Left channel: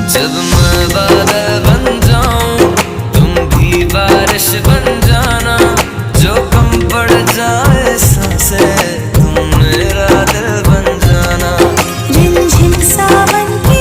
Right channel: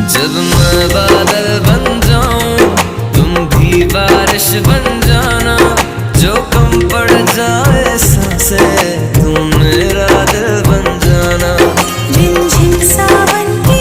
जब मैं बादल बन जाऊं तुम भी बारिश बन जाना, जो कम पड़ जाए सांसें तुम मेरा दिल बन जाना। रिमझिम सावन